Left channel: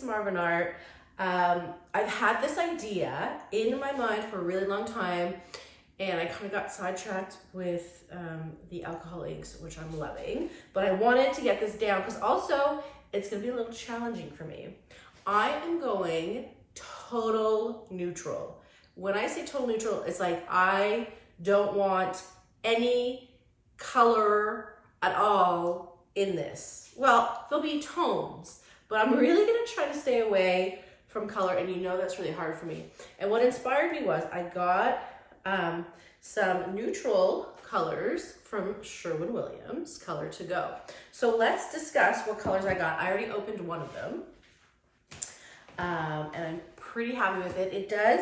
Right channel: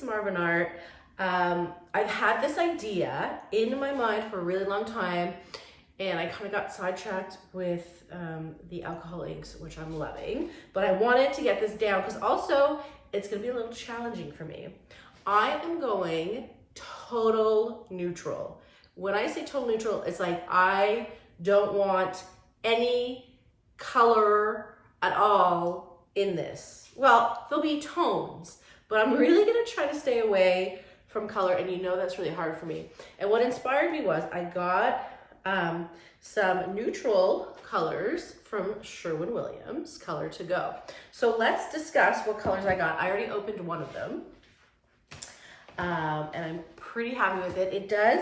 some Marvin art. I've had this idea in my mind for a really long time, and I kind of got sidetracked with the alcohol inks, which I'm loving, but I wanted to get this down because also it's gonna be a little challenging for me. I am going total neutral. When I say total neutral, it's like I don't want any color at all in this. Well, there'll be tones, but I'm really gonna try to stay away from color, and you know that's really hard for me. And what inspired me was I got some neutral colors from Sherwin-Williams, Color to Go. So let's discuss what colors I got. I already opened one of them, and I'm pretty happy with it. It does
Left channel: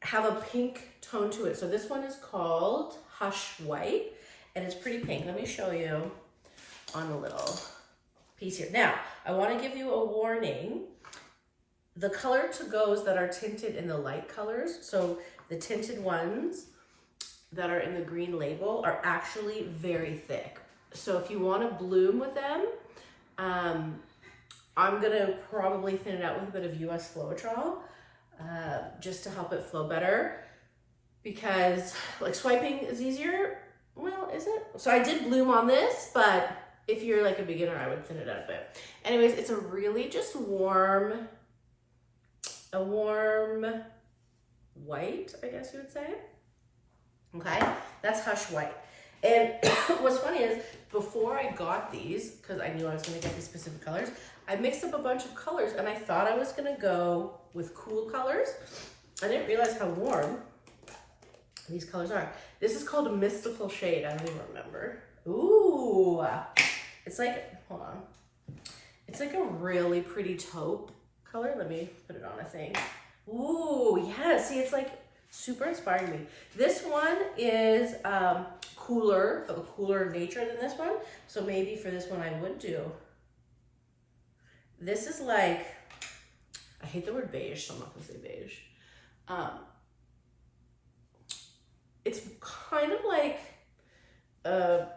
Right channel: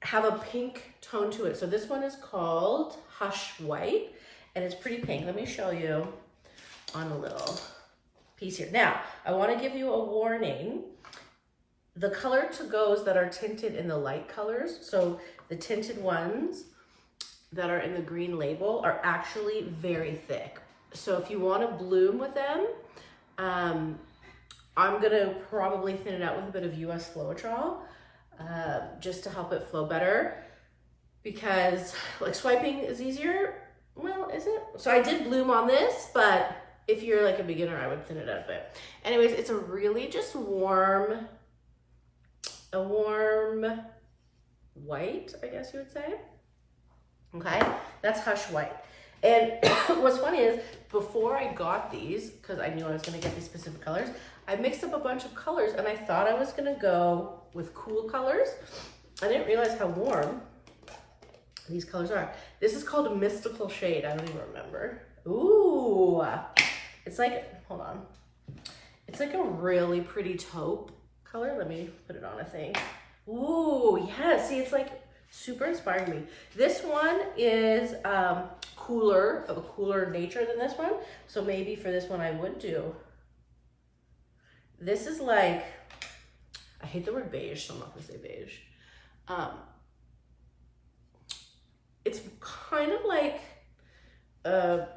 have a pink tone to it. So this one is called Hush White, and it's pretty pink. Let me show you on a little piece here. Now, I want to give you a warning. The Color to Go's that are tinted in the light colors, so the tinted ones that are in the green label are actually very thick. So if you want to bloom with them, I'm gonna probably thin it out with a bit of US Floetrol, just to help it flow better, because like swiping is easier. Well, is it? So I did bloom on this, but if you're like a beginner, I would thin it out a bit. Anyways, it's a really just warm white, I guess you would say. Okay, that's Hush White. And what's funny is before I got these, because I knew I was gonna get these specific colors, I mixed up a bunch of colors and I thought I was gonna go with cool colors. I didn't realize how warm these colors are. This is called a Mystical Shade. I don't even remember. Ooh, it's like, hold on. It's like a really pretty taupe color. Let me put it on a thing. Ooh, yeah, see, it's like super inspiring me. This one is cooler, of a cooler nature than this one. So maybe for this one I would do. This is like, I hate the word beige, so I'm not gonna say beige. It's kind of like, it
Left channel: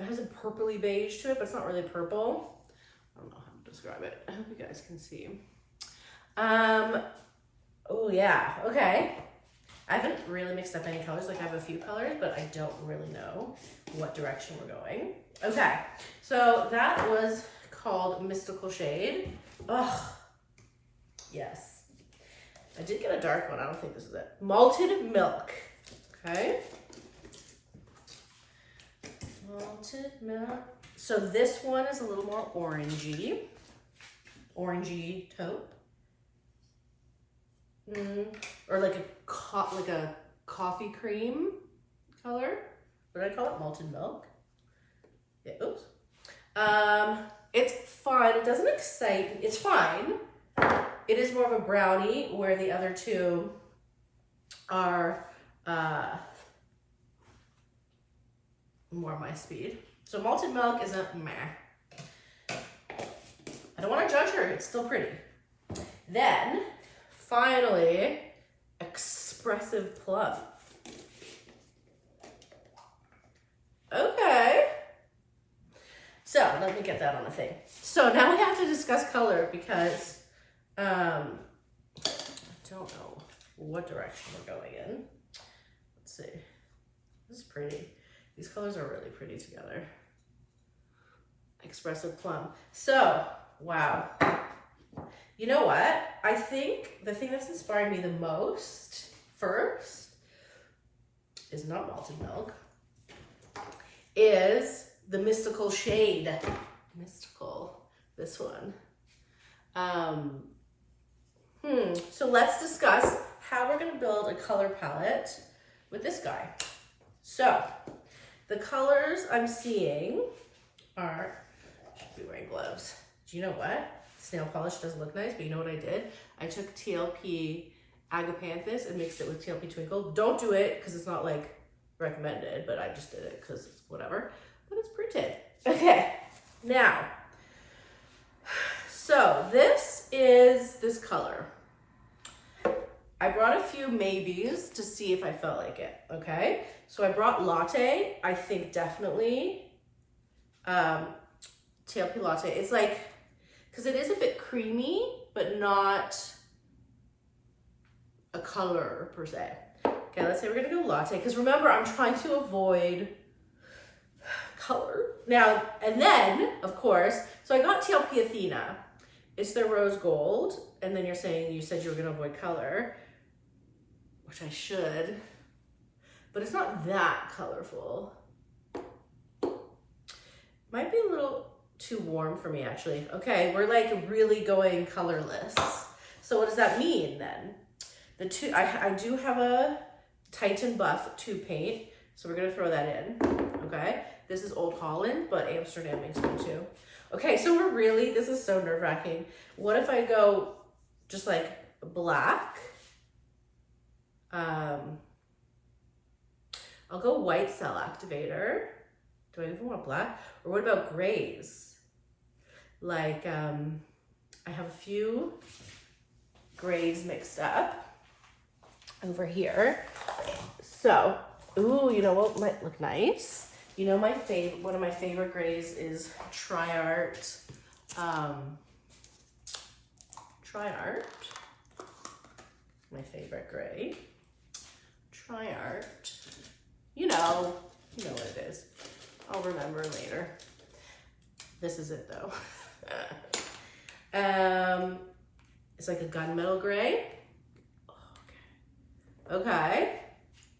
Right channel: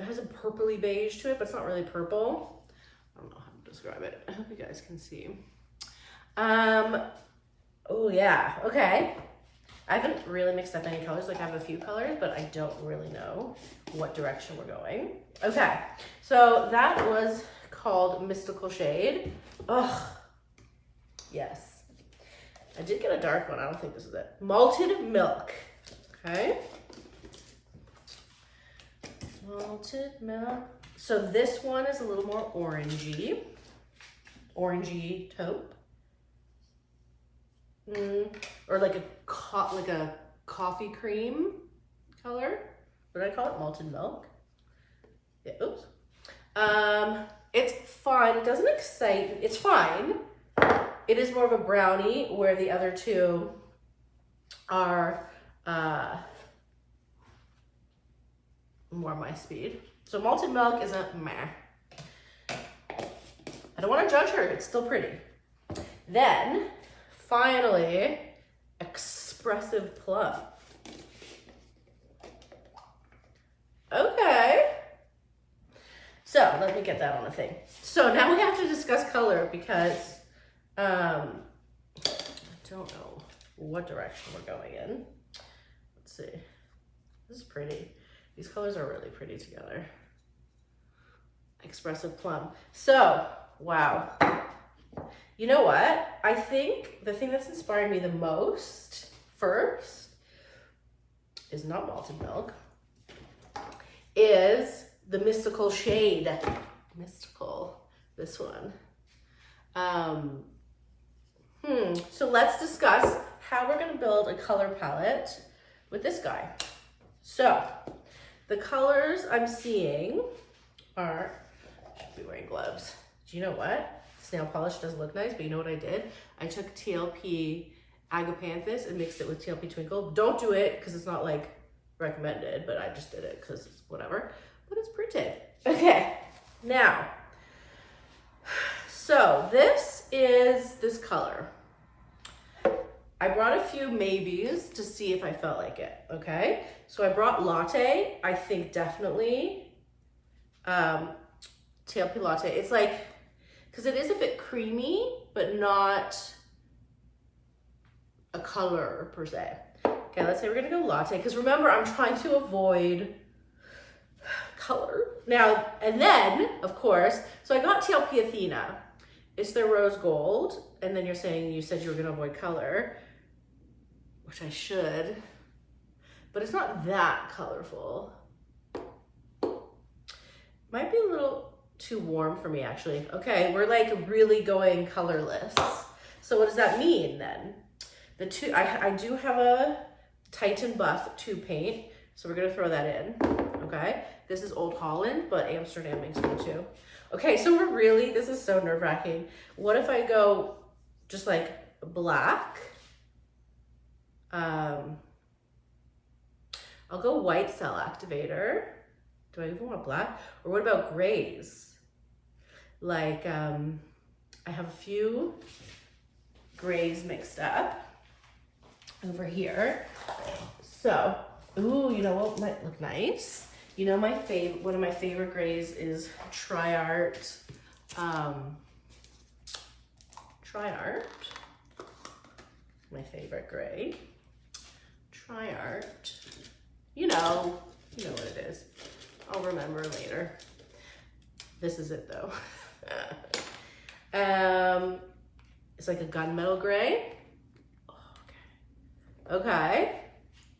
has a purpley beige to it, but it's not really purple. I don't know how to describe it. I hope you guys can see. Oh yeah, okay. I haven't really mixed up any colors. Like I have a few colors, but I don't really know what direction we're going. Okay, so that was called Mystical Shade. Oh, yes. I did get a dark one. I don't think this is it. Malted Milk. Okay. Malted Milk. So this one is a little more orangey. Orangey taupe. Or like a coffee cream color. What did I call it? Malted Milk. Yeah, oops. It's fine. It doesn't excite. It's fine. It is more of a brownie, where the other two are more my speed. So Malted Milk is a meh. I don't want to judge her. It's still pretty. Then, finally, Expressive Plum. Okay. So let me get that on a thing. So now we have to discuss color because I don't know what direction we're going in. Let's see. This is pretty. These colors are really pretty together. Expressive Plum. So, wow. You know what? I think the thing that's inspiring me the most first is not Malted Milk, is the Mystical Shade. Mystical, this one. So let's discuss how we're gonna build a color palette with this guy. So the colors I'm seeing are, I should be wearing gloves. Do you know what? Snail polish does look nice, but you know what I did? I took TLP Agapanthus and mixed it with TLP Twinkle. Don't do it because it's not like recommended, but I just did it because it's whatever. But it's pretty. Okay, now, so this is this color. I brought a few maybes to see if I felt like it, okay? So I brought Latte, I think definitely TLP Latte. It's like, because it is a bit creamy, but not a color per se. Okay, let's say we're gonna go latte, because remember, I'm trying to avoid color. Now, and then, of course, so I got TLP Athena. It's their rose gold, and then you said you were gonna avoid color, which I should, but it's not that colorful. Might be a little too warm for me, actually. Okay, we're like really going colorless. So what does that mean then? I do have a Titan Buff tube paint, so we're gonna throw that in, okay? This is Old Holland, but Amsterdam makes them too. Okay, so this is so nerve-wracking. What if I go just like black? I'll go White Cell Activator. Do I even want black? Or what about grays? Like, I have a few grays mixed up over here. So, ooh, you know what might look nice? You know, one of my favorite grays is TriArt. TriArt, my favorite gray. TriArt. You know what it is. I'll remember later. This is it though. It's like a gunmetal gray. Okay.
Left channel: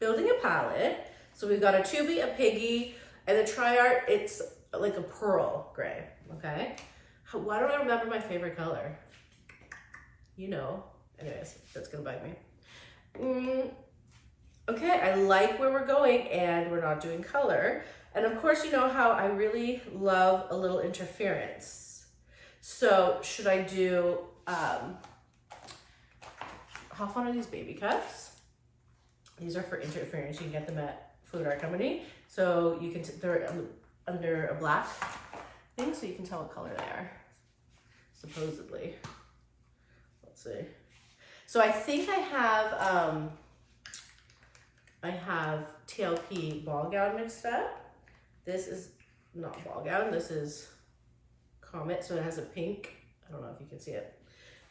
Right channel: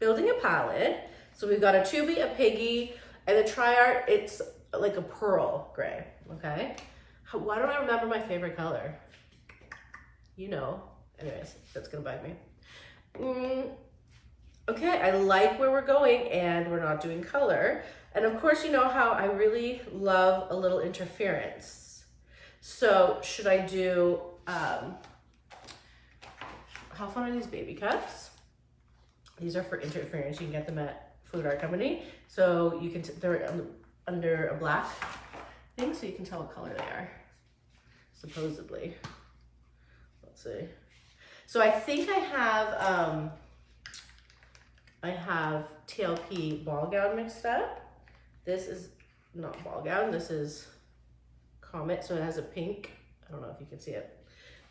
Building a palette. So we've got a Tubi, a Piggy, and the TriArt, it's like a pearl gray, okay? Why don't I remember my favorite color? You know. Anyways, that's gonna bug me. Okay, I like where we're going, and we're not doing color. And of course, you know how I really love a little interference. So should I do, how fun are these baby cups? These are for interference. You can get them at Food Art Company. So you can, they're under a black thing, so you can tell what color they are, supposedly. Let's see. So I think I have TLP ball gown mixed up. This is not ball gown, this is Comet, so it has a pink. I don't know if you can see it.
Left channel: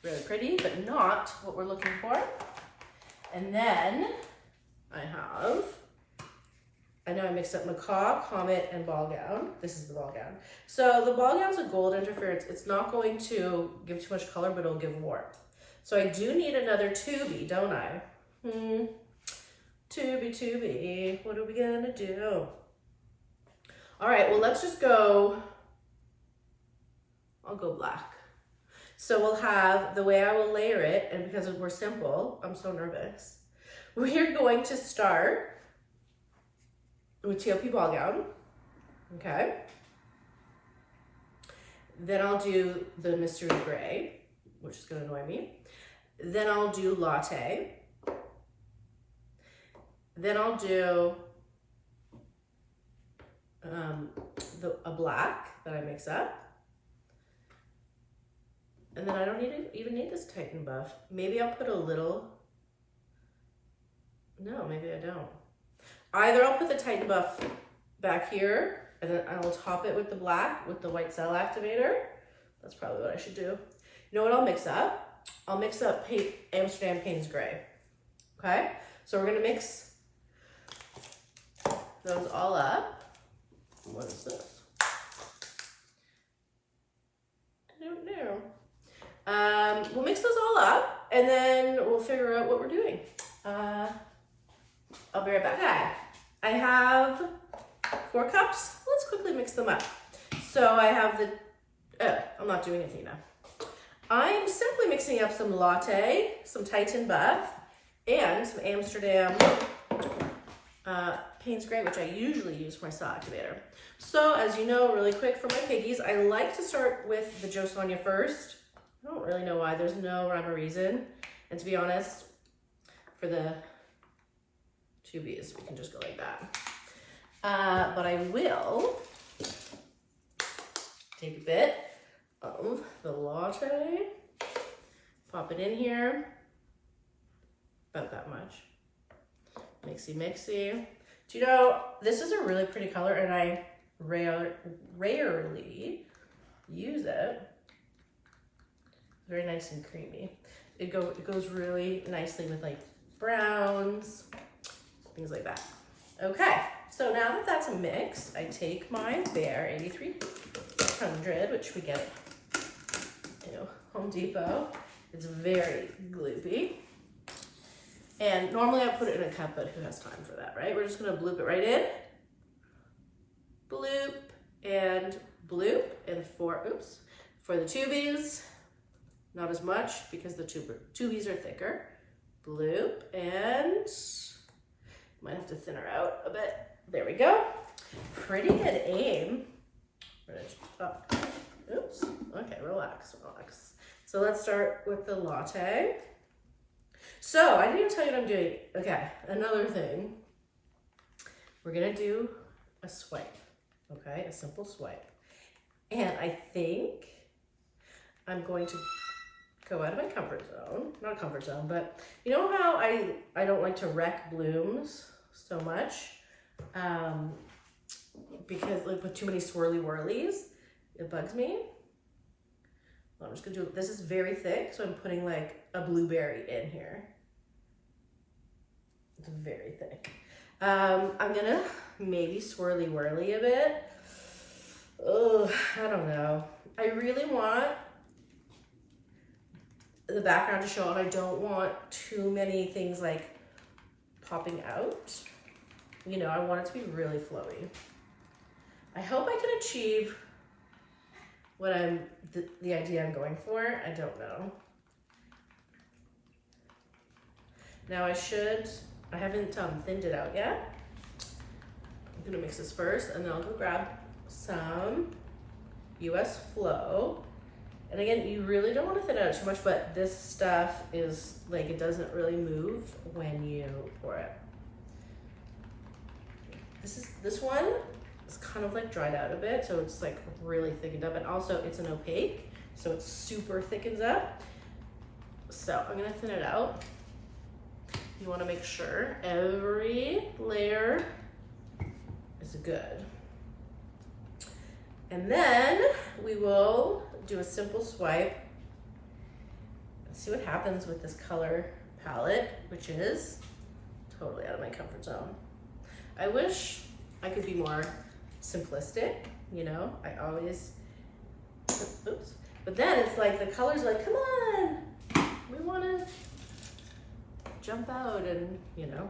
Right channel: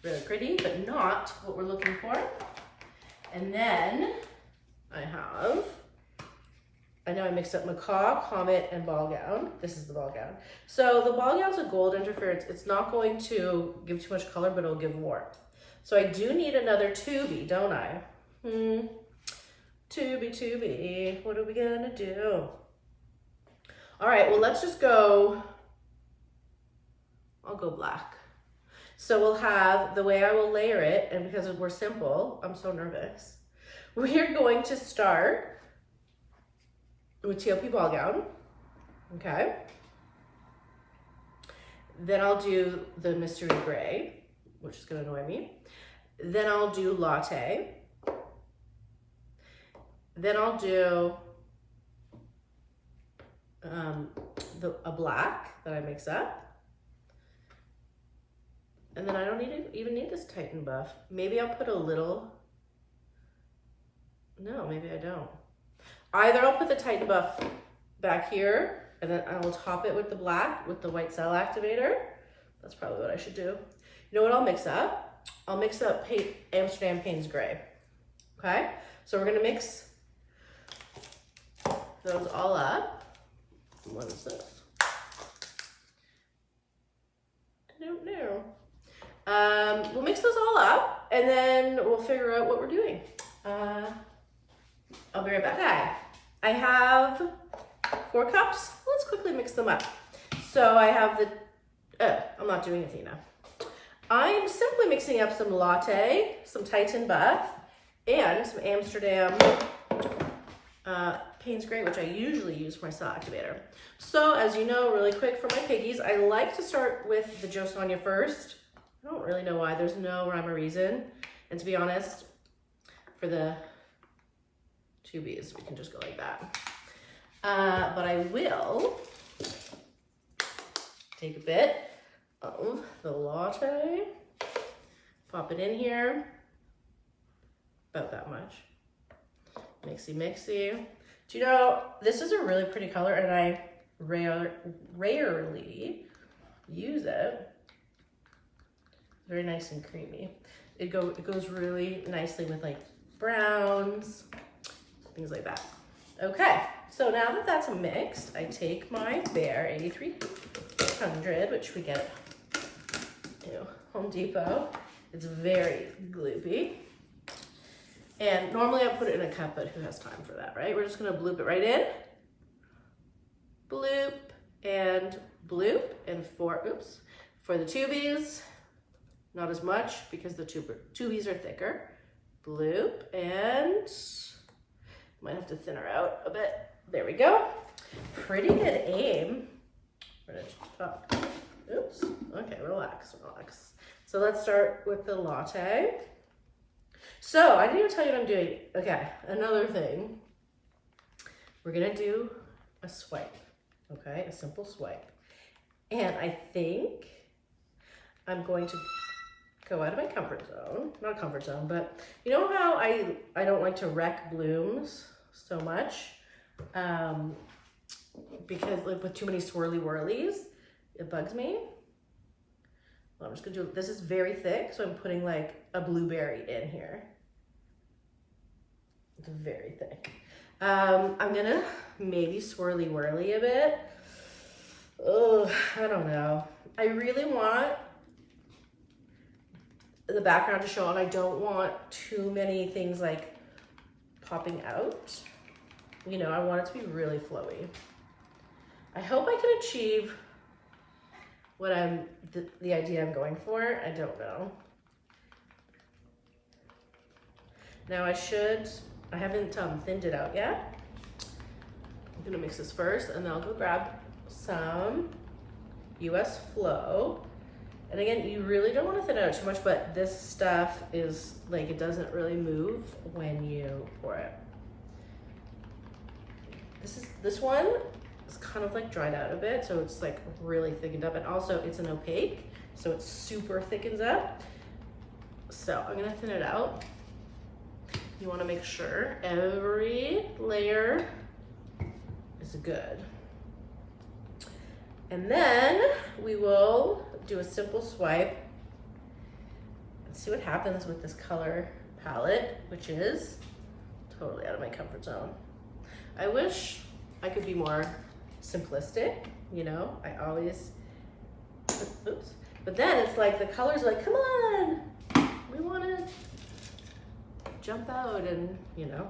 Really pretty, but not what we're looking for. And then I know I mixed up macaw, comet, and ball gown. This is the ball gown. So the ball gown's a gold interference. It's not going to give too much color, but it'll give warmth. So I do need another Tubi, don't I? Tubi, what are we gonna do? All right, well, let's just go, I'll go black. So we'll have, the way I will layer it, and because we're simple, I'm so nervous. We're going to start with TLP ball gown, okay? Then I'll do the mystery gray, which is gonna annoy me. Then I'll do latte. Then I'll do a black that I mix up. And then I don't even need this Titan Buff. Maybe I'll put a little, no, maybe I don't. Either I'll put the Titan Buff back here, and then I will top it with the black, with the White Cell Activator. That's probably what I should do. You know what I'll mix up? I'll mix up Amsterdam Payne's Gray. Okay? So we're gonna mix those all up. What is this? I don't know. We'll mix those all up, and then we'll figure out what we're doing. I'll be right back. Okay, I have 4 cups. Let's quickly mix them up. So I have I'm not doing Athena. I'm simply mixing up some latte, some Titan Buff, and some Amsterdam Payne's Gray, which I usually use for my cell activator. So as you know, really quick for my piggies, I like to start with the Jo Sonja first. I don't really know why, there's no rhyme or reason. And to be honest, for the Tubies, we can just go like that. But I will take a bit of the latte, pop it in here, about that much. Mixy, mixy. Do you know, this is a really pretty color, and I rarely use it. Very nice and creamy. It goes really nicely with like browns, things like that. Okay, so now that that's mixed, I take my Bear 8300, which we get at Home Depot. It's very gloopy. And normally I put it in a cup, but who has time for that, right? We're just gonna bloop it right in. Bloop and bloop. And for the tubies, not as much because the tubies are thicker. Bloop and might have to thin her out a bit. There we go. Pretty good aim. Oops. Okay, relax. So let's start with the latte. So I didn't even tell you what I'm doing. Okay, another thing. We're gonna do a swipe, okay? A simple swipe. And I think I'm going to go out of my comfort zone. Not comfort zone, but you know how I don't like to wreck blooms so much? Because like with too many swirly whirlies, it bugs me. Well, I'm just gonna do, this is very thick, so I'm putting like a blueberry in here. It's very thick. I'm gonna maybe swirly whirly a bit. Oh, I don't know. I really want the background to show, and I don't want too many things like popping out. You know, I want it to be really flowy. I hope I can achieve what the idea I'm going for. I don't know. Now I haven't thinned it out yet. I'm gonna mix this first, and then I'll go grab some US Flow. And again, you really don't want to thin it out too much, but this stuff is like, it doesn't really move when you pour it. This one is kind of like dried out a bit, so it's like really thickened up, and also it's an opaque, so it super thickens up. So I'm gonna thin it out. You want to make sure every layer is good. And then we will do a simple swipe and see what happens with this color palette, which is totally out of my comfort zone. I wish I could be more simplistic, you know, I always, oops. But then it's like the colors are like, come on, we want to jump out, and you know,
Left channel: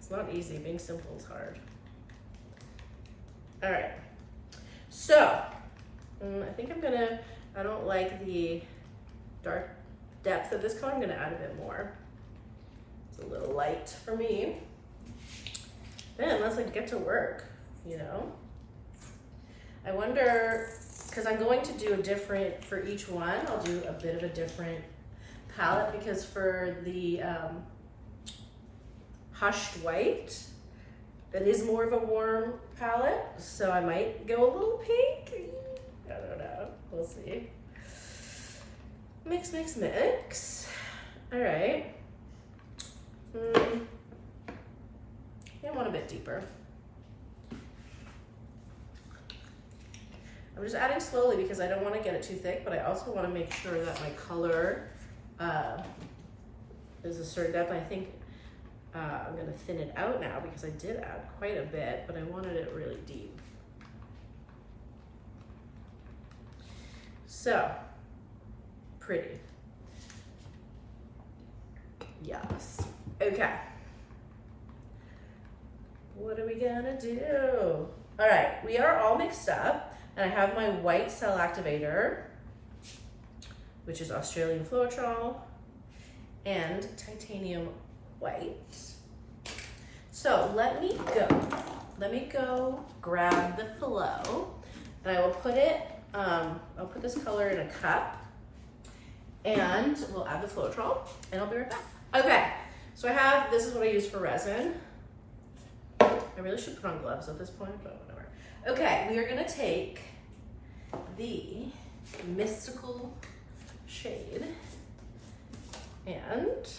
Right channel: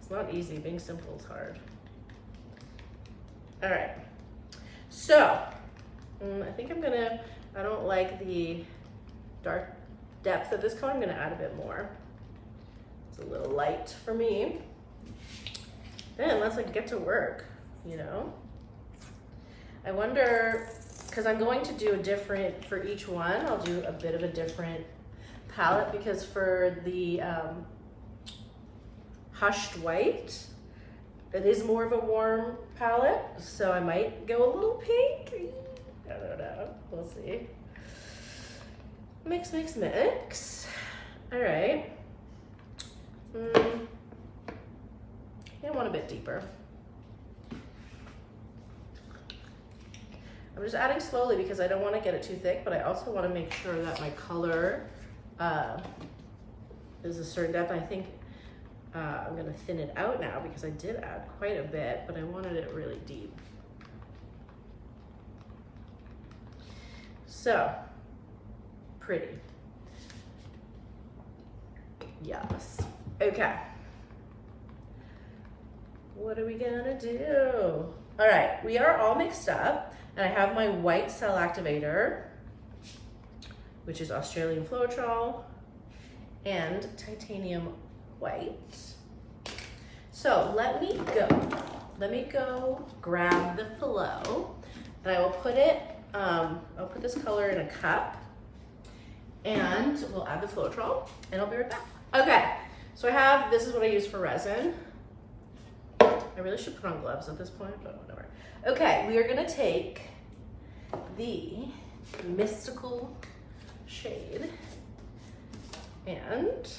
it's not easy. Being simple is hard. All right, so I think I don't like the dark depth of this color. I'm gonna add a bit more. It's a little light for me. Then let's like get to work, you know. I wonder, because I'm going to do a different, for each one, I'll do a bit of a different palette, because for the Hushed White, it is more of a warm palette, so I might go a little pink. I don't know, we'll see. Mix, mix, mix. All right. I want a bit deeper. I'm just adding slowly because I don't want to get it too thick, but I also want to make sure that my color is a certain depth. I think I'm going to thin it out now because I did add quite a bit, but I wanted it really deep. So, pretty. Yes. Okay. What are we gonna do? All right, we are all mixed up, and I have my white cell activator, which is Australian Floetrol, and titanium white. So let me go grab the flow, and I will put it, I'll put this color in a cup, and we'll add the Floetrol, and I'll be right back. Okay, so this is what I use for resin. I really should put on gloves at this point, but whatever. Okay, we are gonna take the Mystical shade, and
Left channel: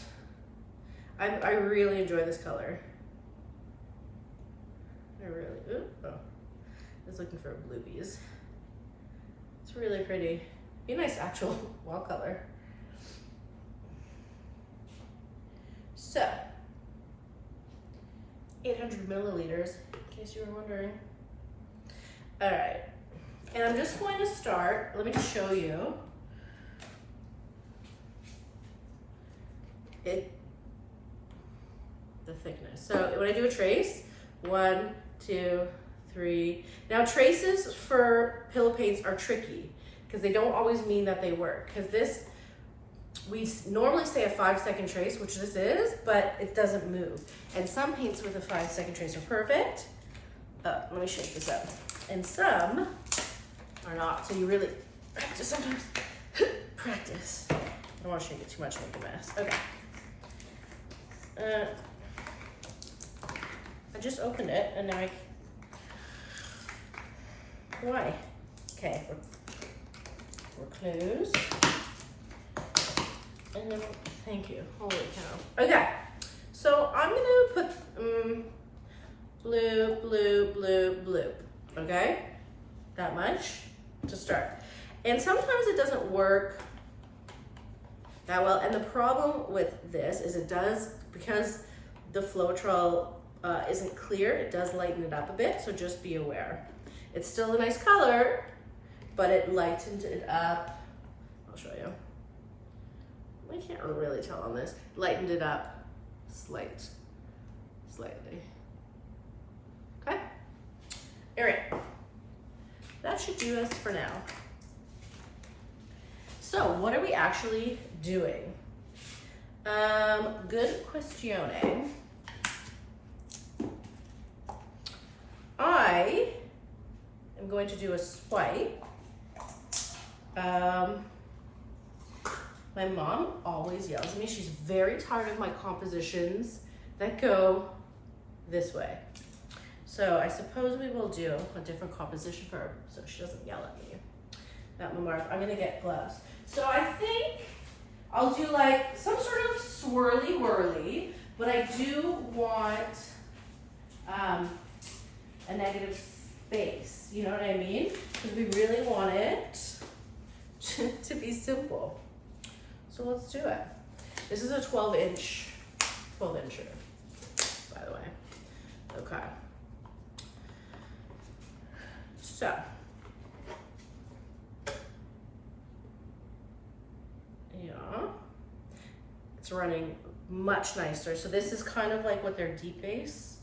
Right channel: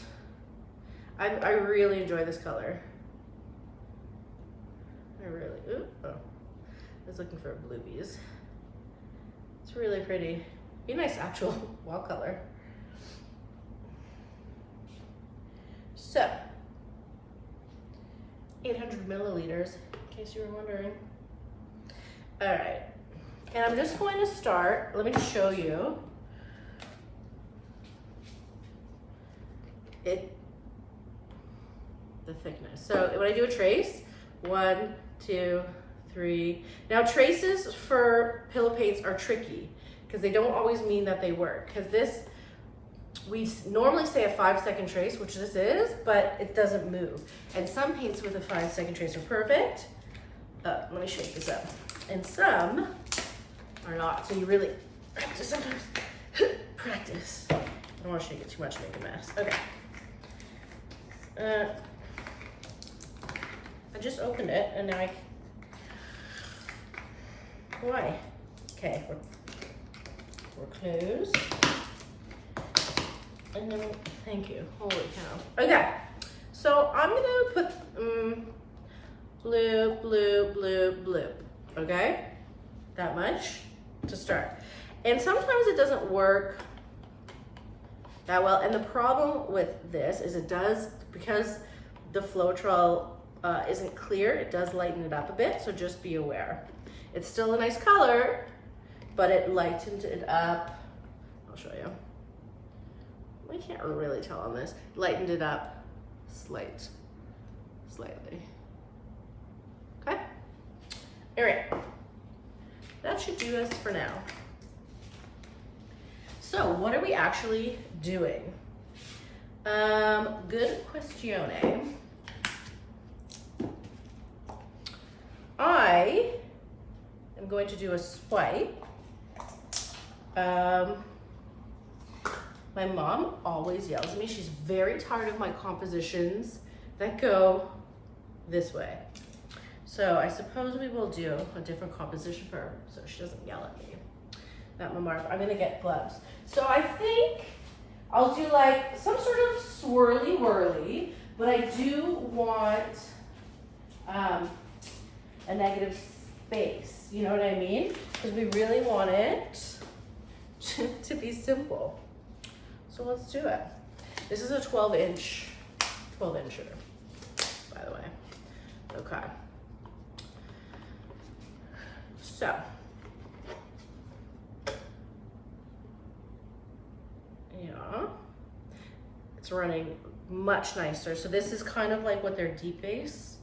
I really enjoy this color. I was looking for bluebies. It's really pretty. Be a nice actual wall color. So, 800 milliliters, in case you were wondering. All right, and I'm just going to start, let me show you. The thickness. So when I do a trace, 1, 2, 3. Now traces for pillow paints are tricky because they don't always mean that they work. Because this, we normally say a 5-second trace, which this is, but it doesn't move. And some paints with a 5-second trace are perfect. Let me shake this up. And some are not. So you really have to sometimes practice. I don't want to shake it too much to make a mess. Okay. I just opened it and now why? Okay, we're closed. And then, thank you, holy cow. Okay, so I'm gonna put bloop, bloop, bloop, bloop, okay? That much to start. And sometimes it doesn't work that well, and the problem with this is it does, because the Floetrol isn't clear, it does lighten it up a bit, so just be aware. It's still a nice color, but it lightened it up. I'll show you. I can't really tell on this. Lightened it up slightly. Okay? All right. That should do us for now. So what are we actually doing? Good questione. I am going to do a swipe. My mom always yells at me. She's very tired of my compositions that go this way. So I suppose we will do a different composition for her so she doesn't yell at me. Not my mark. I'm gonna get gloves. So I think I'll do like some sort of swirly whirly, but I do want a negative space. You know what I mean? Because we really want it to be simple. So let's do it. This is a 12-incher, by the way. Okay. So, yeah, it's running much nicer. So this is kind of like what their deep base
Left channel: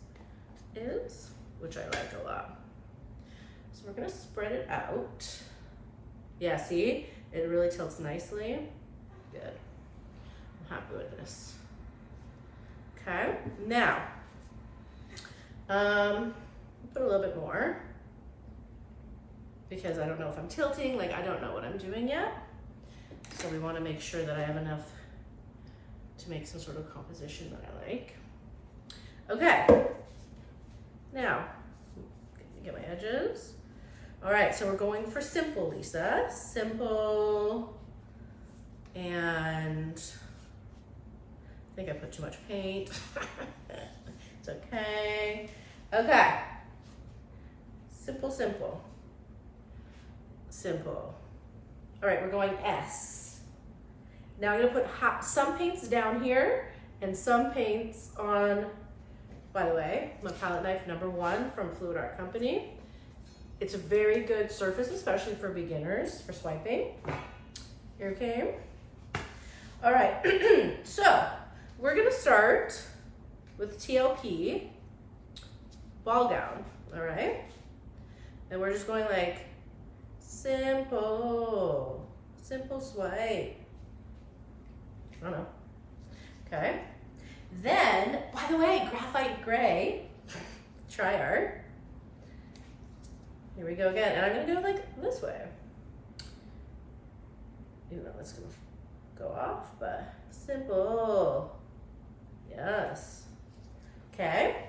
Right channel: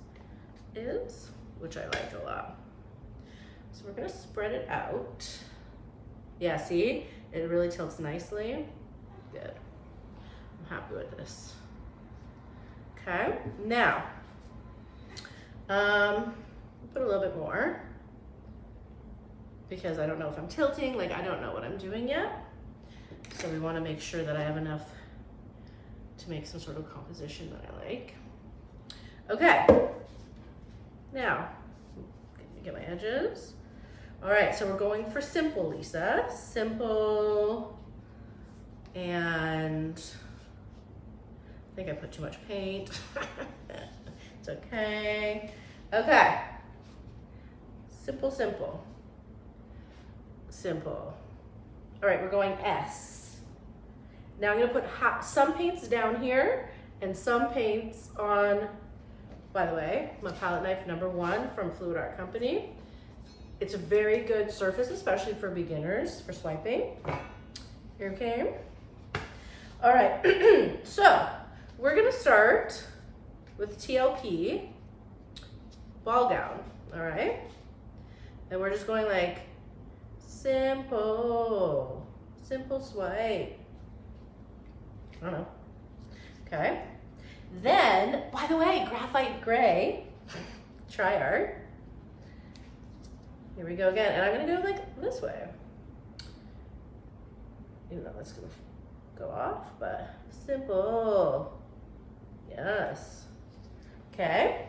is, which I like a lot. So we're gonna spread it out. Yeah, see? It really tilts nicely. Good. I'm happy with this. Okay, now, put a little bit more because I don't know if I'm tilting, like I don't know what I'm doing yet. So we want to make sure that I have enough to make some sort of composition that I like. Okay, now, let me get my edges. All right, so we're going for simple, Lisa. Simple, and I think I put too much paint. It's okay. Okay, simple, simple, simple. All right, we're going S. Now I'm gonna put some paints down here and some paints on, by the way, my palette knife #1 from Fluid Art Company. It's a very good surface, especially for beginners, for swiping. Okay. All right, so we're gonna start with TLP ball gown, all right? And we're just going like simple, simple swipe. I don't know. Okay. Then, by the way, graphite gray, try art. Here we go again, and I'm gonna go like this way. Even though it's gonna go off, but simple. Yes. Okay.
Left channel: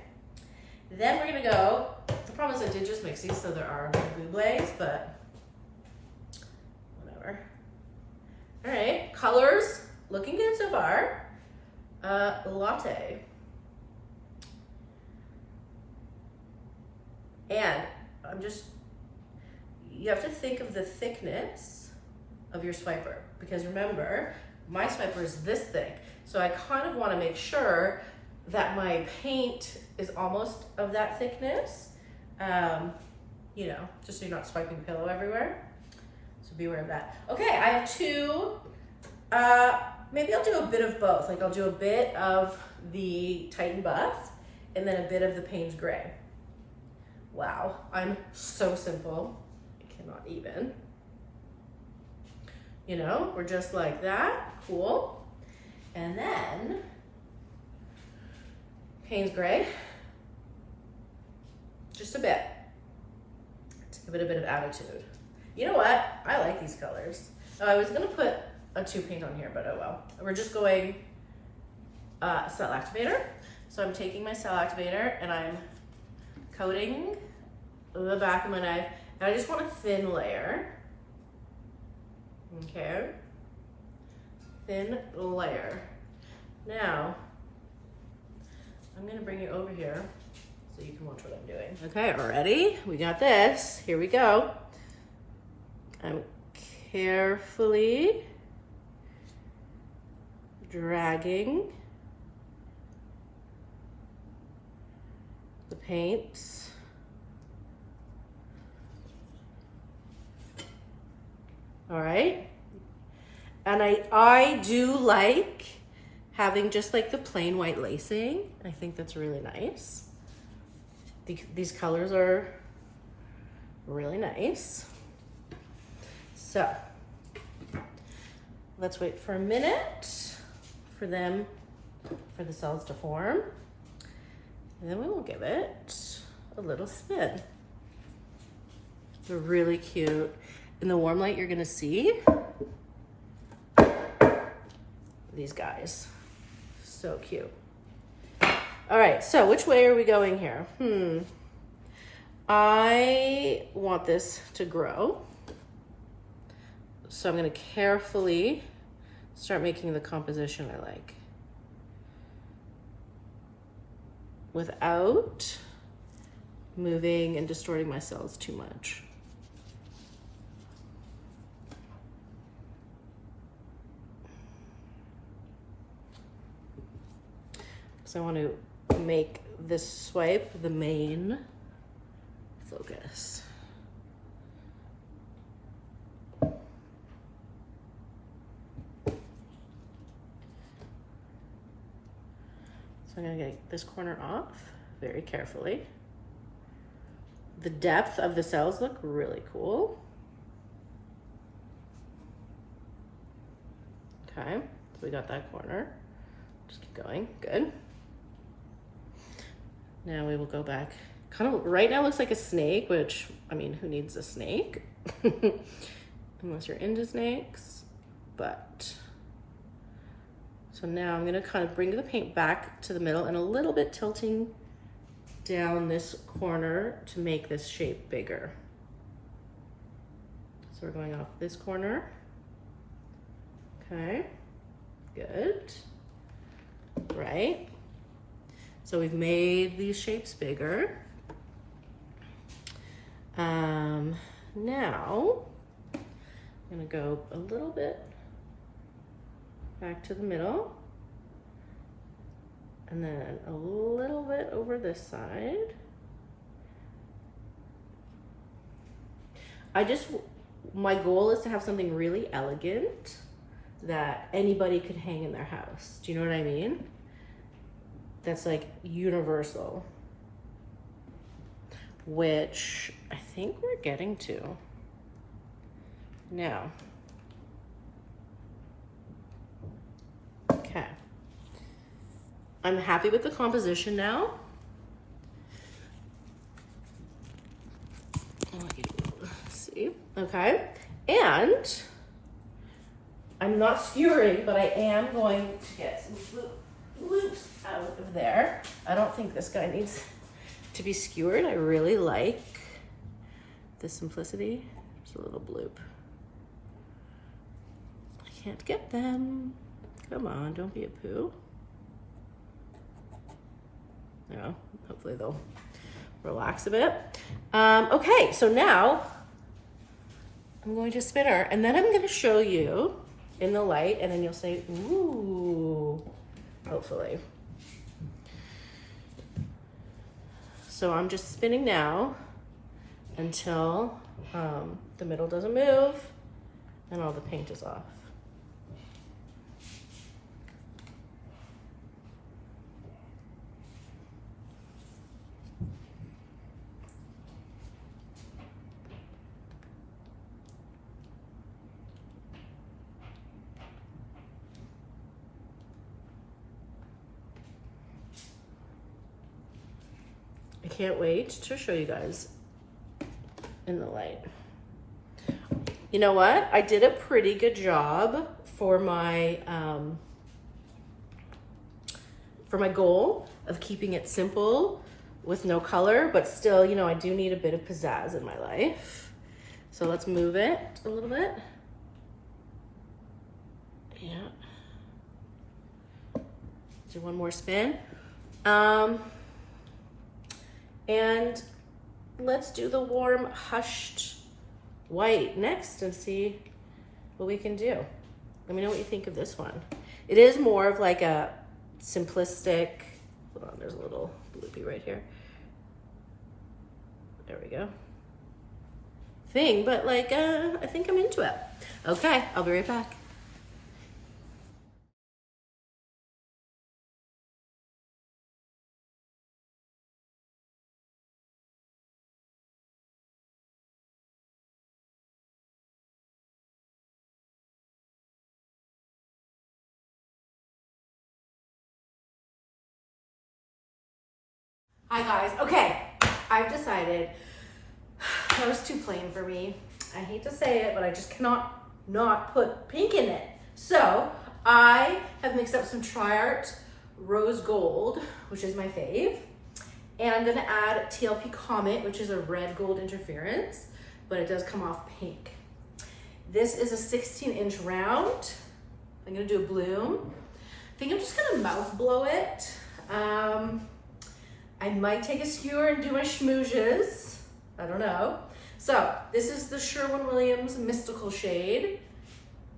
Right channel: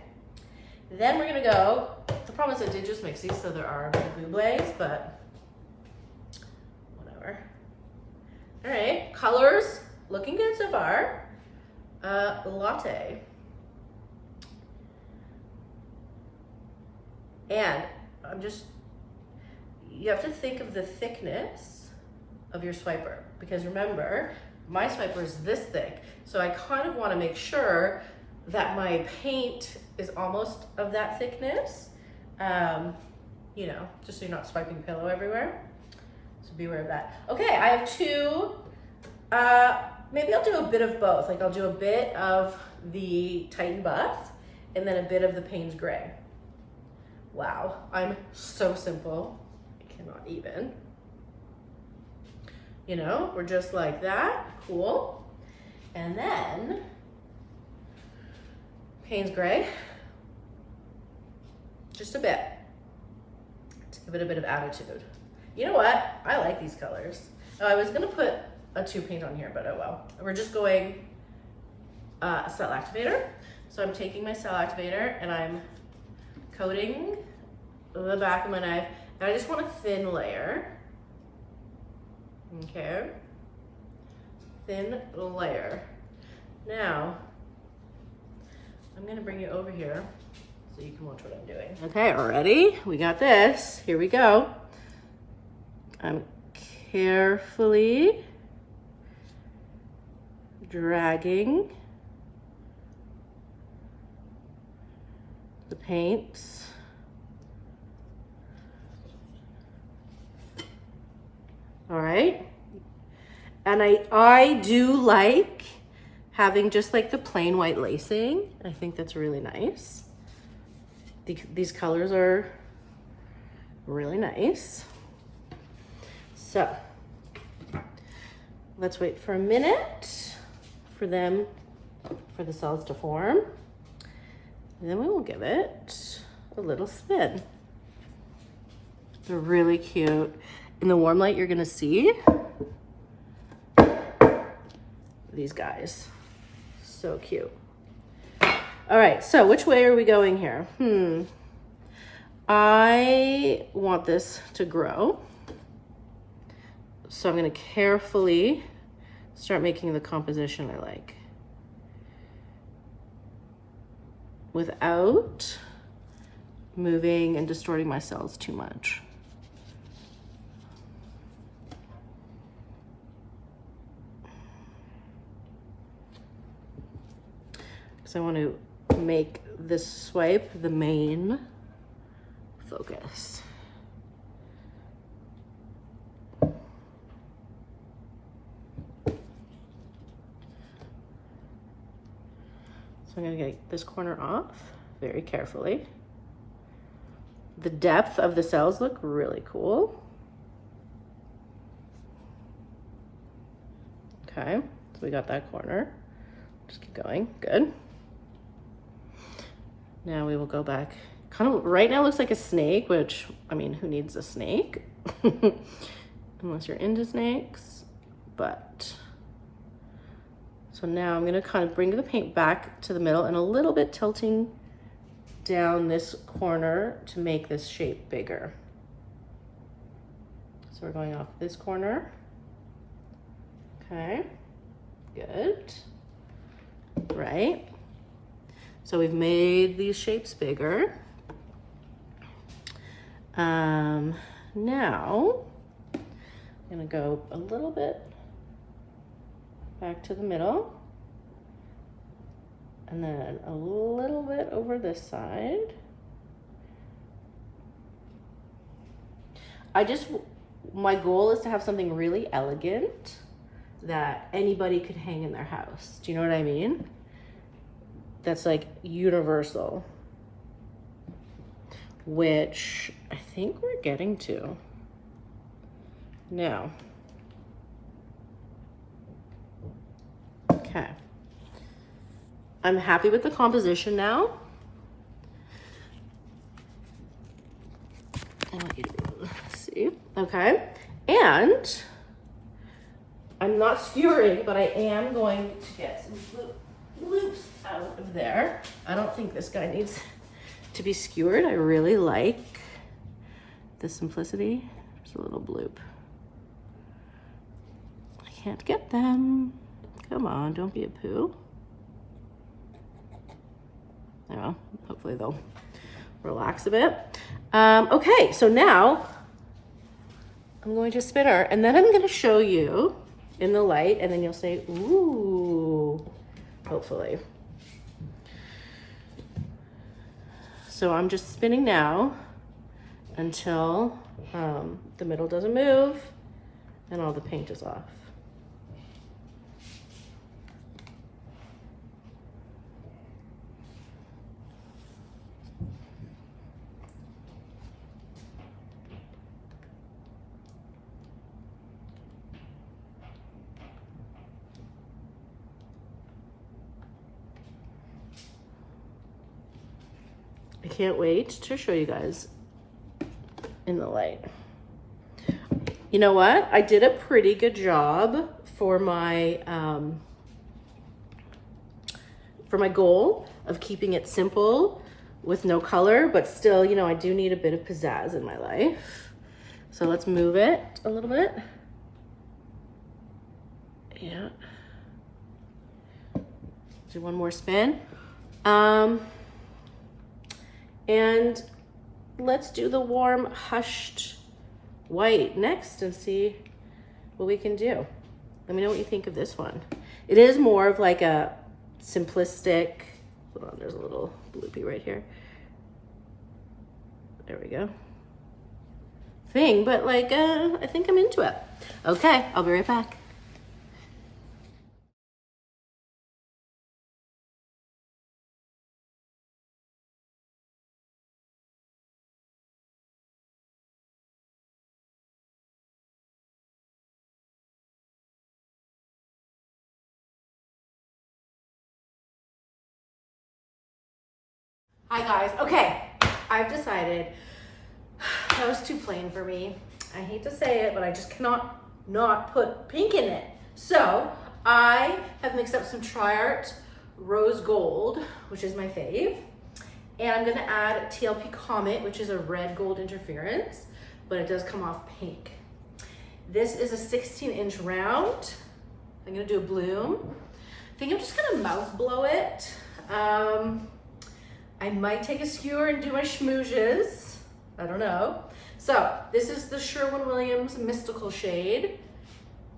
Then we're gonna go, the problem is I did just mix these, so there are bubles, but whatever. All right, colors, looking good so far. Latte. And I'm just, you have to think of the thickness of your swiper, because remember, my swiper is this thick. So I kind of want to make sure that my paint is almost of that thickness, you know, just so you're not swiping pillow everywhere. So be aware of that. Okay, I have two, maybe I'll do a bit of both. Like I'll do a bit of the Titan Buff and then a bit of the Payne's Gray. Wow, I'm so simple. I cannot even. You know, we're just like that, cool. And then Payne's Gray, just a bit, to give it a bit of attitude. You know what? I like these colors. Oh, I was gonna put a 2 paint on here, but oh well. We're just going Cell Activator. So I'm taking my Cell Activator and I'm coating the back of my knife. And I just want a thin layer. Okay. Thin layer. Now, I'm gonna bring you over here so you can watch what I'm doing. Okay, ready? We got this. Here we go. I'm carefully dragging the paints all right, and I do like having just like the plain white lacing. I think that's really nice. These colors are really nice. So let's wait for a minute for the cells to form. And then we will give it a little spin. They're really cute. In the warm light, you're gonna see these guys. So cute. All right, so which way are we going here? I want this to grow. So I'm gonna carefully start making the composition I like, without moving and distorting my cells too much. So I want to make this swipe the main focus. I'm gonna get this corner off very carefully. The depth of the cells look really cool. Okay, so we got that corner. Just keep going, good. Now we will go back. Kind of, right now looks like a snake, which, I mean, who needs a snake? Unless you're into snakes, but. So now I'm gonna kind of bring the paint back to the middle and a little bit tilting down this corner to make this shape bigger. So we're going off this corner. Okay, good, right? So we've made these shapes bigger. Now I'm gonna go a little bit back to the middle, and then a little bit over this side. My goal is to have something really elegant that anybody could hang in their house. Do you know what I mean? That's like universal, which I think we're getting to now. Okay, I'm happy with the composition now. I want you to see, okay? And I'm not skewering, but I am going to get some loops out of there. I don't think this guy needs to be skewered. I really like the simplicity. Just a little bloop. I can't get them. Come on, don't be a poo. Well, hopefully they'll relax a bit. Okay, so now I'm going to spin her, and then I'm going to show you in the light, and then you'll say, ooh, hopefully. So I'm just spinning now until the middle doesn't move and all the paint is off. I can't wait to show you guys in the light. You know what? I did a pretty good job for my goal of keeping it simple with no color, but still, you know, I do need a bit of pizzazz in my life. So let's move it a little bit. Yeah. Do one more spin. And let's do the warm hushed white next and see what we can do. Let me know what you think of this one. It is more of like a simplistic, hold on, there's a little bloopy right here. There we go. Thing, but like, I think I'm into it. Okay, I'll be right back. Hi guys, okay, I've decided that was too plain for me. I hate to say it, but I just cannot not put pink in it. So I have mixed up some TriArt Rose Gold, which is my fave. And I'm gonna add TLP Comet, which is a red gold interference, but it does come off pink. This is a 16-inch round. I'm gonna do a bloom. I think I'm just gonna mouth blow it. I might take a skewer and do my schmoozes. I don't know. So this is the Sherwin-Williams Mystical shade,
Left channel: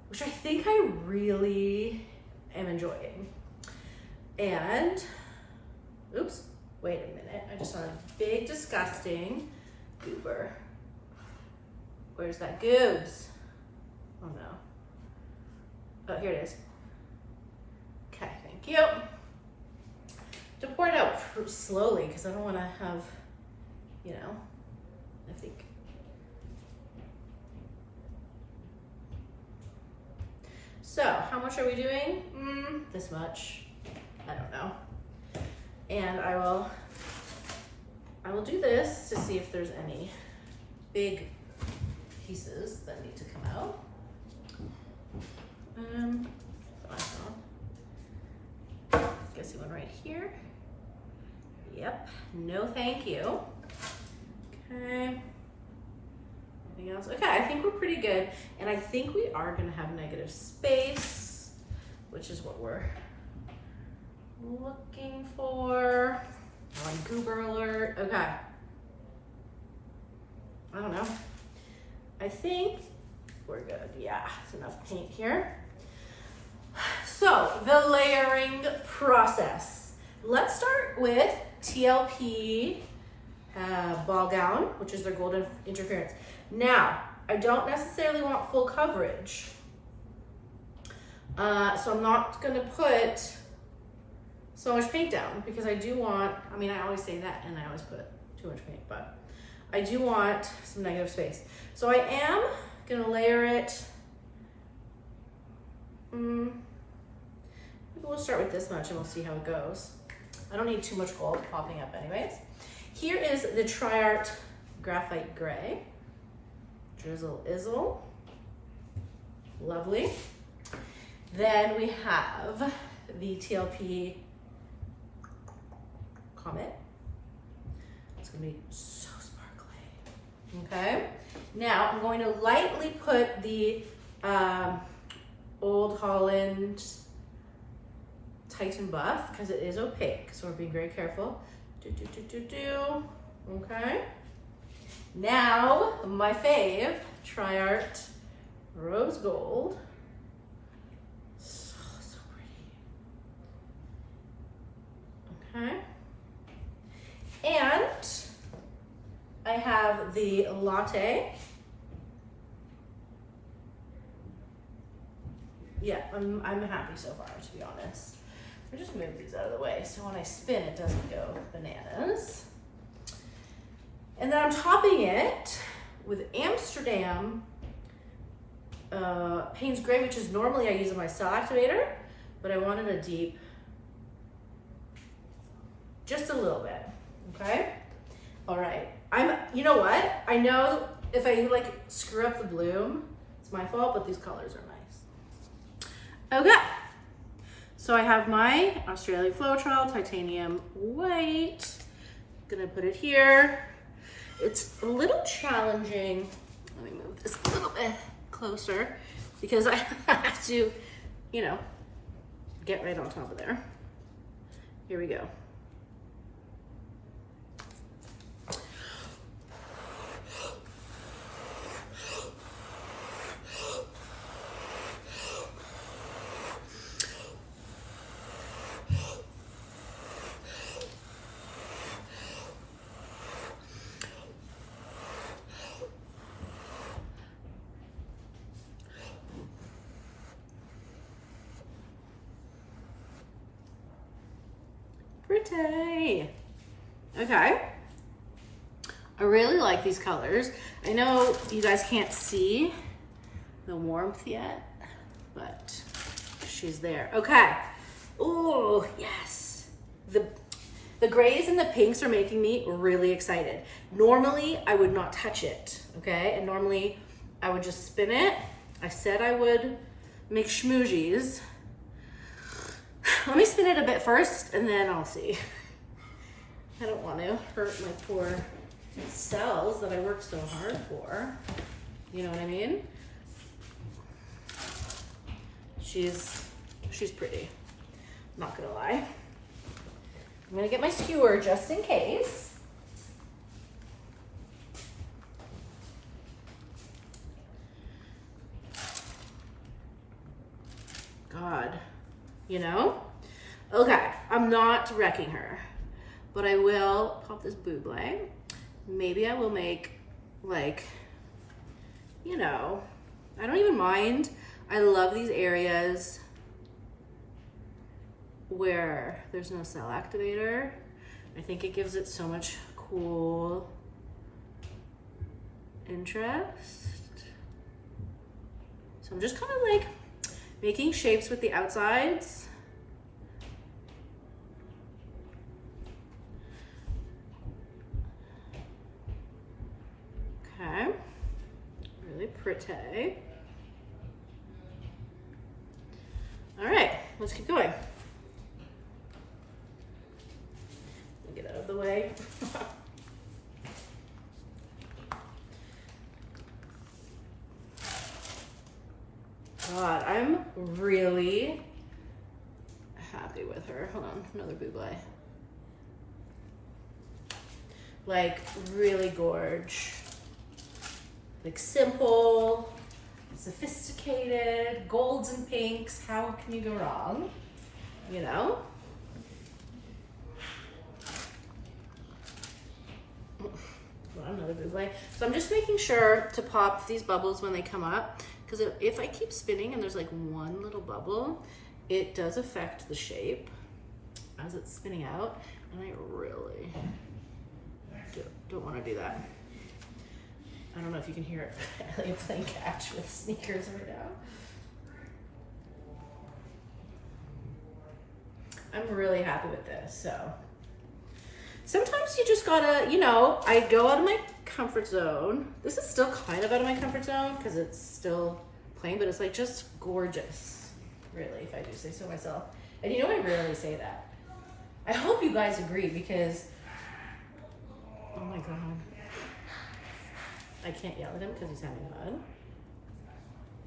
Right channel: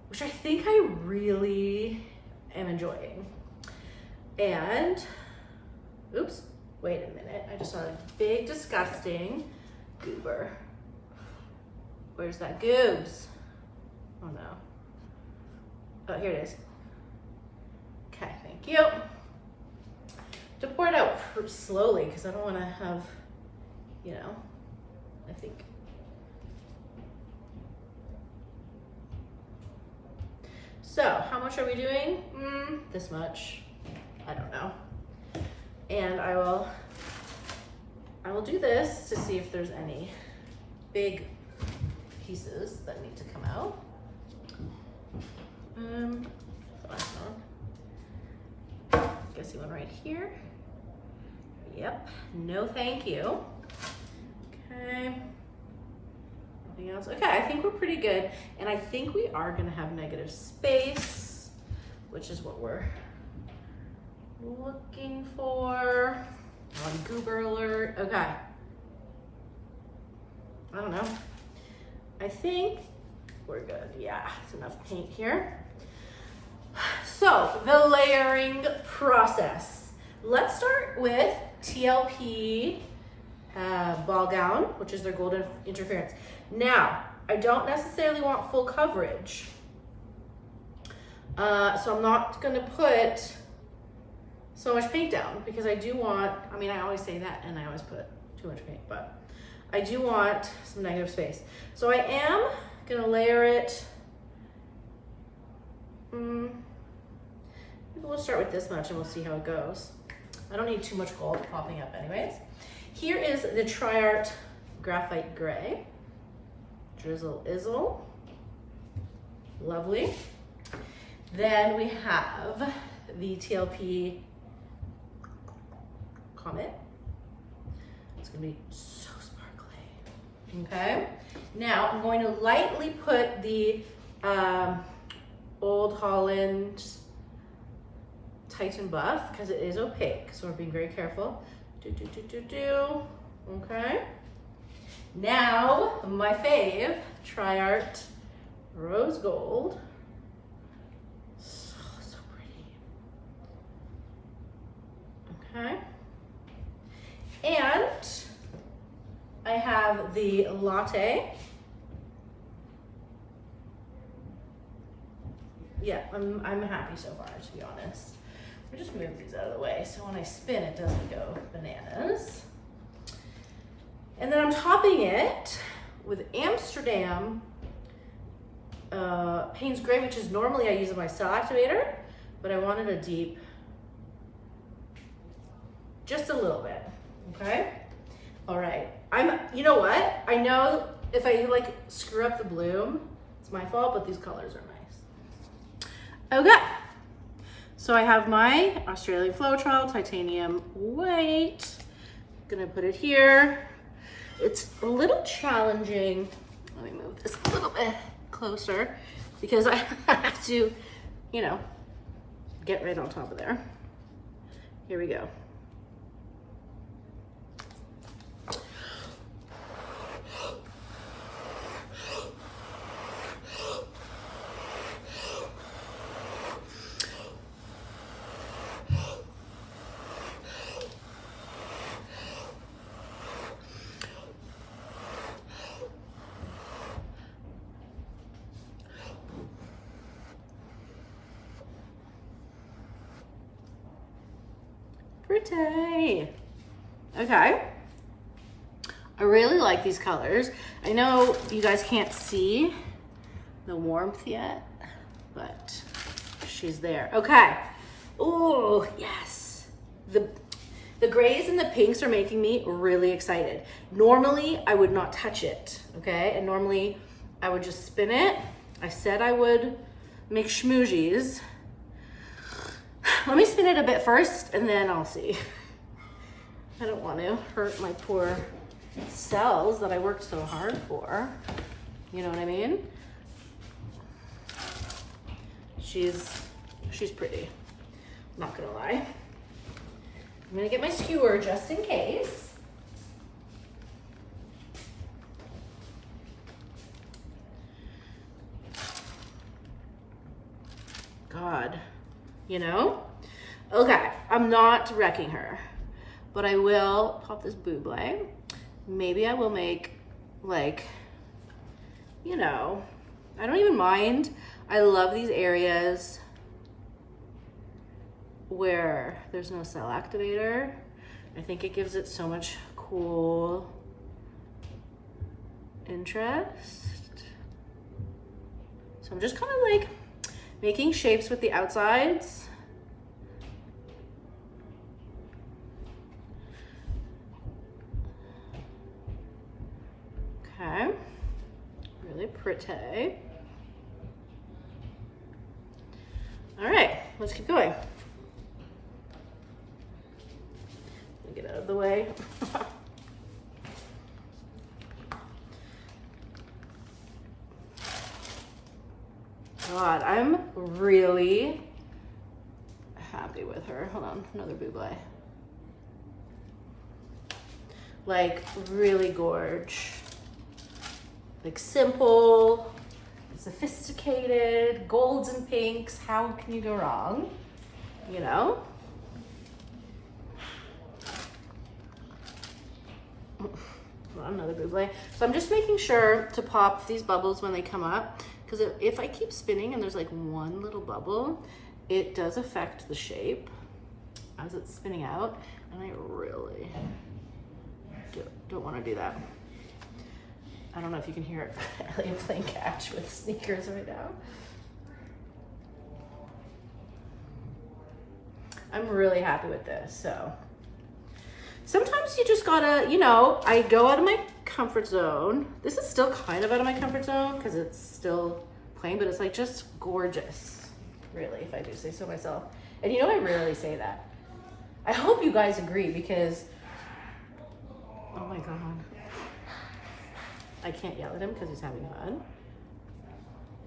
which I think I really am enjoying. And, oops, wait a minute. I just saw a big, disgusting goober. Where's that goobs? Oh no. Oh, here it is. Okay, thank you. To pour it out slowly because I don't want to have, you know, I think. So how much are we doing? This much. I don't know. And I will do this to see if there's any big pieces that need to come out. Guess one right here. Yep, no thank you. Okay, anything else? Okay, I think we're pretty good. And I think we are gonna have negative space, which is what we're looking for. On goober alert, okay. I don't know. I think we're good, yeah, it's enough paint here. So the layering process. Let's start with TLP ball gown, which is their golden interference. Now, I don't necessarily want full coverage. So I'm not gonna put so much paint down because I do want, I mean, I always say that and I always put too much paint, but I do want some negative space. So I am gonna layer it. Maybe we'll start with this much and we'll see how it goes. I don't need too much gold popping up anyways. Here is the TriArt Graphite Gray. Drizzle Izzle. Lovely. Then we have the TLP Comet. It's gonna be so sparkly. Okay. Now I'm going to lightly put the Old Holland Titan Buff because it is opaque, so we're being very careful. Okay. Now, my fave, Tri-Art Rose Gold. So pretty. Okay. And I have the Latte. Yeah, I'm happy so far, to be honest. I'll just move these out of the way so when I spin it doesn't go bananas. And then I'm topping it with Amsterdam Payne's Gray, which is normally I use in my Cell Activator, but I wanted a deep, just a little bit, okay? All right, you know what? I know if I like screw up the bloom, it's my fault, but these colors are nice. Okay, so I have my Australian Floetrol Titanium White. Gonna put it here. It's a little challenging. Let me move this a little bit closer because I have to, you know, get right on top of there. Here we go. Pretty. Okay. I really like these colors. I know you guys can't see the warmth yet, but she's there. Okay. Oh, yes. The grays and the pinks are making me really excited. Normally, I would not touch it, okay? And normally, I would just spin it. I said I would make schmoozies. Let me spin it a bit first and then I'll see. I don't want to hurt my poor cells that I worked so hard for. You know what I mean? She's pretty, not gonna lie. I'm gonna get my skewer just in case. God. You know? Okay, I'm not wrecking her, but I will pop this buble. Maybe I will make like, you know, I don't even mind. I love these areas where there's no Cell Activator. I think it gives it so much cool interest. So I'm just kind of like making shapes with the outsides. Okay, really pretty. All right, let's keep going. Get out of the way. God, I'm really happy with her. Hold on, another buble. Like really gorge. Like simple, sophisticated, golds and pinks. How can you go wrong? You know? Another buble. So I'm just making sure to pop these bubbles when they come up, because if I keep spinning and there's like one little bubble, it does affect the shape as it's spinning out, and I really don't want to do that. I don't know if you can hear it. I'm playing catch with sneakers right now. I'm really happy with this. So sometimes you just gotta, you know, I go out of my comfort zone. This is still kind of out of my comfort zone because it's still plain, but it's like just gorgeous, really, if I do say so myself. And you know, I rarely say that. I hope you guys agree because, oh my God. I can't yell at him because he's having fun.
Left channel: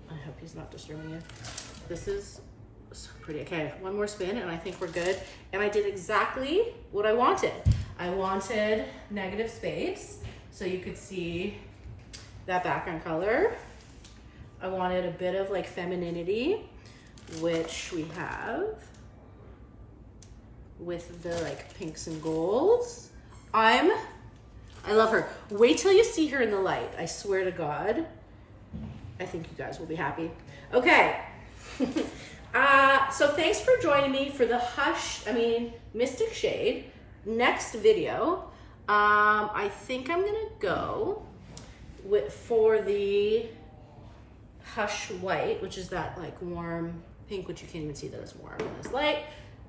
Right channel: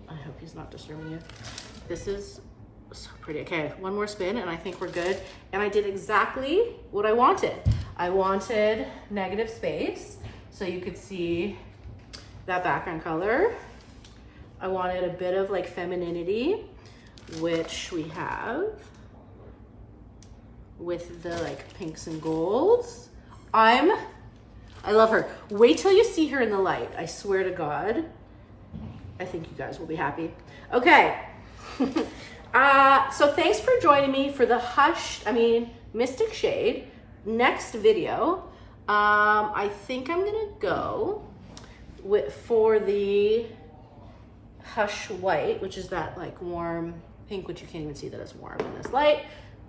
I hope he's not disturbing you. This is so pretty. Okay, one more spin and I think we're good. And I did exactly what I wanted. I wanted negative space. so you could see that background color. I wanted a bit of like femininity, which we have with the like pinks and golds. I love her. Wait till you see her in the light. I swear to God, I think you guys will be happy. Okay. So thanks for joining me for the Mystic Shade. Next video, I think I'm gonna go for the Hush White, which is that like warm pink, which you can't even see that it's warm in this light,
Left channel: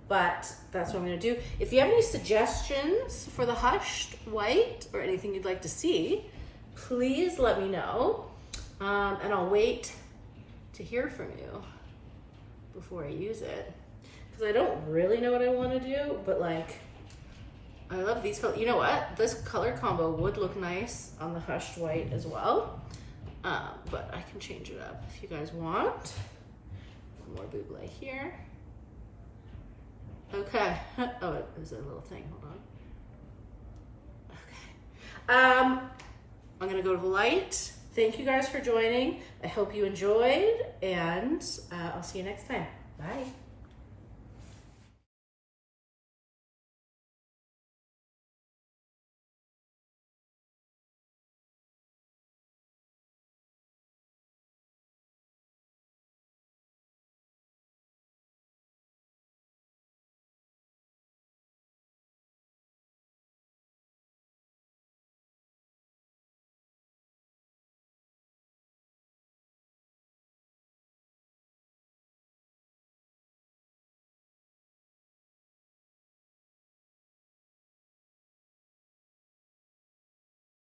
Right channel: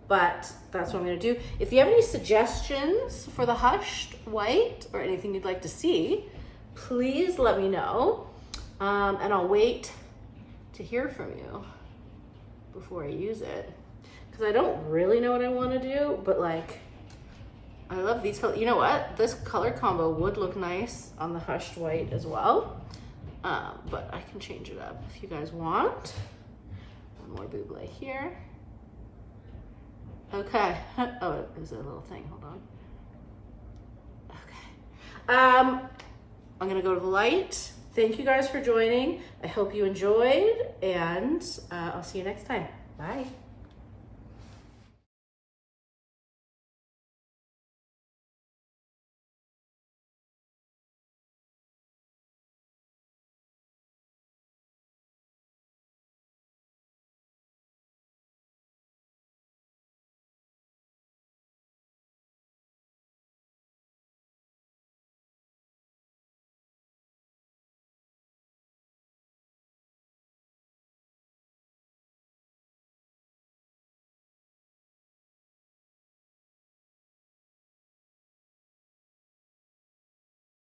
but that's what I'm gonna do. If you have any suggestions for the Hushed White or anything you'd like to see, please let me know, and I'll wait to hear from you before I use it, because I don't really know what I want to do, but like I love these colors. You know what? This color combo would look nice on the Hushed White as well, but I can change it up if you guys want. More buble here. Okay. Oh, there's a little thing. Hold on. Okay. I'm gonna go to the light. Thank you guys for joining. I hope you enjoyed, and I'll see you next time. Bye.